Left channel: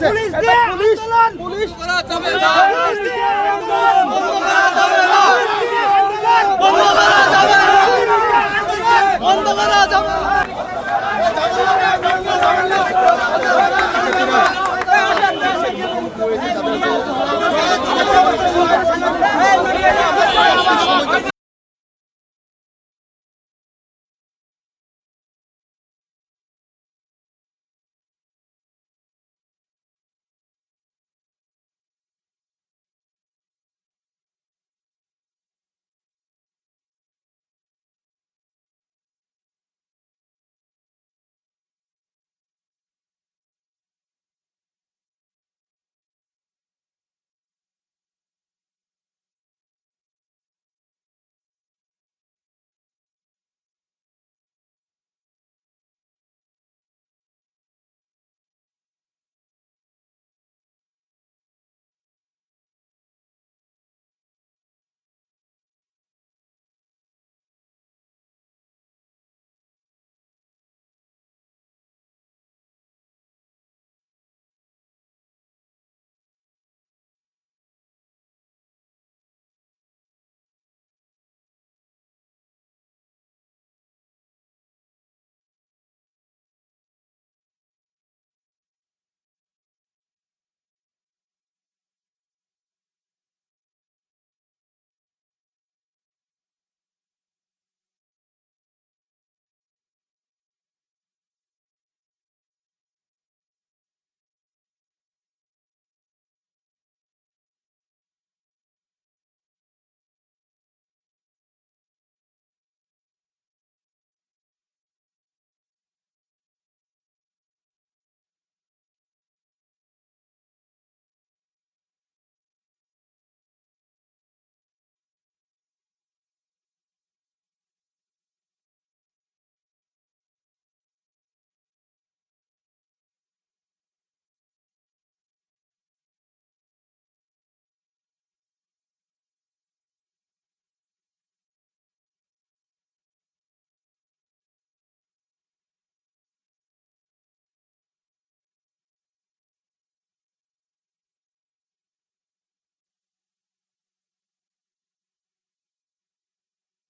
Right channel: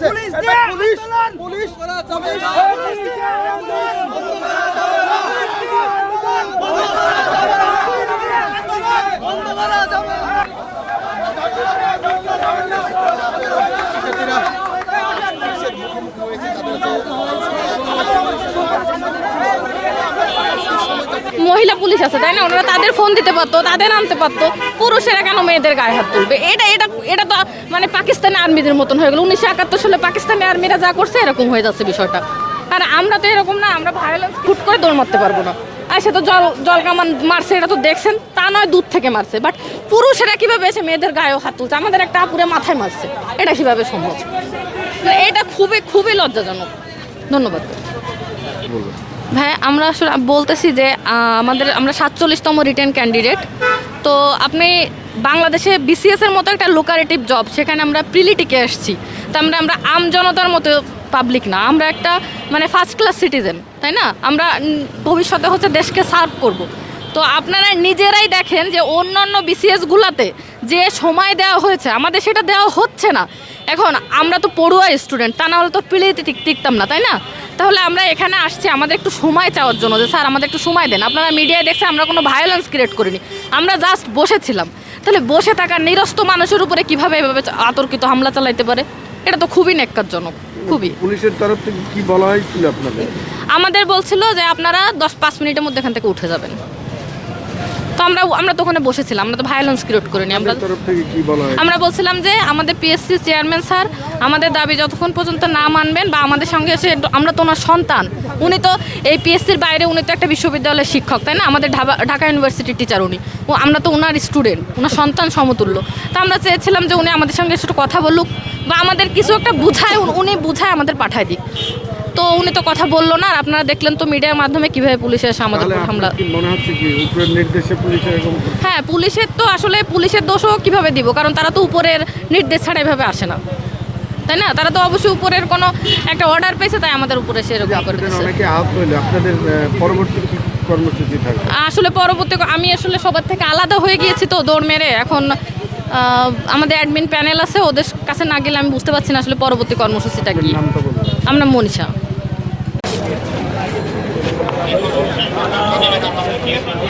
হচ্ছে এটা পুলিশ মহিলা পুলিশ আছে, তাই না? ওনারা তাদের ফোন দিতে পারতো, তাদের আনতে পারতো। পুরুষেরা কেন মেয়েদের গায়ে হাত তুলবে? এটা এটা এটা তো মানে পাকিস্তানি আর্মিদের মতন হয়ে গেল। উনিশশো একাত্তর সালে পাকিস্তানি আর্মিরা যা করছে, এরকম হয়ে যাচ্ছে বিষয়টা। আর আমরা তো এরকম না, আমরা ভায়োলেন্স ফুট করে দৌড় মারতে পারব না। আর সে তো জল জল কামান মারছে, এটা তো দেখছেন? তা নয় দূর থেকে মারছে। বাট পুরুষেরা কীভাবে এসে মেয়েদের গায়েও হাত তুলছে? আমাদের একটা আপুরে মাথায় মারছে। এটা কীভাবে সম্ভব? এটা খুবই খুবই লজ্জাজনক। ধন্যবাদ। ভাই, আমরা আসলে বলতেছি যে আমাদের, আমরা সাতচল্লিশতম রিটার্ন ক্যান্ডিডেট তো আপনি বাংলাদেশে বিসিএস এর মতো একটা লোকারেটিভ জব সেখানে আমরা প্রিলিটিকে এসেছি তো আমরা আমরা আম জনতার মতো পাবলিক না। আমরা একটা মানে ফার্স্ট ক্লাস সিটিজেন তাই না? আমরা ভবিষ্যতে হচ্ছে দেশকে সার্ভ করব। তো আপনারা নিজেরাই দেখেন যে, অন্যান্য বিসিএস গুলাতে যে সময় দেওয়া হয়েছে, আমাদের সেটা দেওয়া হচ্ছে না। এখন আমরা তো পড়ুয়া স্টুডেন্ট তা না হলে তো প্লেতে টিকতাম না, তাই না? তাহলে আমরা এখানে আসছি আমাদের একটু সময় চাওয়ার জন্য যে স্যার আমাদের একটু সময় দেন। আপনারা মিডিয়ায় দেখছে আমরা কোনো ভায়োলেন্স ক্রিয়েট করিনি। আমরা জাস্ট বসেছিলাম। তাহলে বসে থাকা নিরস্ত মানুষের উপরে কীভাবে এভাবে আতর্কিত হামলা চালাইতে পারে? এটা তো খুবই নেককারজনক খুবই। পুলিশের তরফ থেকে কি বলা হয়েছিল আপনাদের? আমাদের বলছিল যে আপনারা দশ পাঁচ মিনিটের মধ্যে এখান থেকে উঠে যাবেন। তো আমরা আমরা তো ওখানে বসেছিলাম আমরা তো ভায়োলেন্স ক্রিয়েট করিনি আমরা আমরা বলছিলাম যে আমাদের পিএসসি চেয়ারম্যান স্যার আমাদের দাবি যতক্ষণ পর্যন্ত না মানবেন বা আমাদের সঙ্গে এসে আমরা তো ওনার সন্তান উনি তো এই পিএসসির বাইরে উনি তো একটা বিশ্ববিদ্যালয়ের শিক্ষক তাই না? আমাদের ঢাকা- ঢাকা ইউনিভার্সিটির টিচার উনি। ও আমরা তো ওনার স্টুডেন্ট ওনার সন্তান সমতুল্য। তো আমরা চেয়েছিলাম যে উনি আমাদের সঙ্গে একটু কথা বলুক বা আমাদের কিছু একটা বুঝায় উনি- উনি বুঝায় আমাদের পাঠায় দিক। তো উনি তো কথা বলল না আর আপনারা দেখলেন তো মিডিয়ার মাধ্যমে কীভাবে পুলিশের এসে আমাদের উপর হামলা মনে হচ্ছে কি উপরের নির্দেশে পুলিশ এরকম হ্যাঁ পুলিশের তো আসলে পুলিশের দোষও কীভাবে দিব? কারণ তারা তো উপরের নির্দেশ ছাড়া এভাবে আসে না। তাই না? তারা তো অবশ্যই উপরের কোনো একটা অর্ডার পেয়েছে তাই আমাদের উপরে সেরকম করে আপনাদের অনেকে আহত হইলে আপনাদের পরবর্তী কর্মসূচি থাকবে? আসলে পরবর্তী আমি আসলে সবার থেকে আলাদা হয়ে গিয়েছি তো দৌড় মেরে। এখন আমাদের অ্যাডমিন প্যানেল আছে ওদের কাছে না গেলে আমি বুঝতে পারছি না আসলে পরবর্তী কর্মসূচিটা কি। আমরা মনীষা।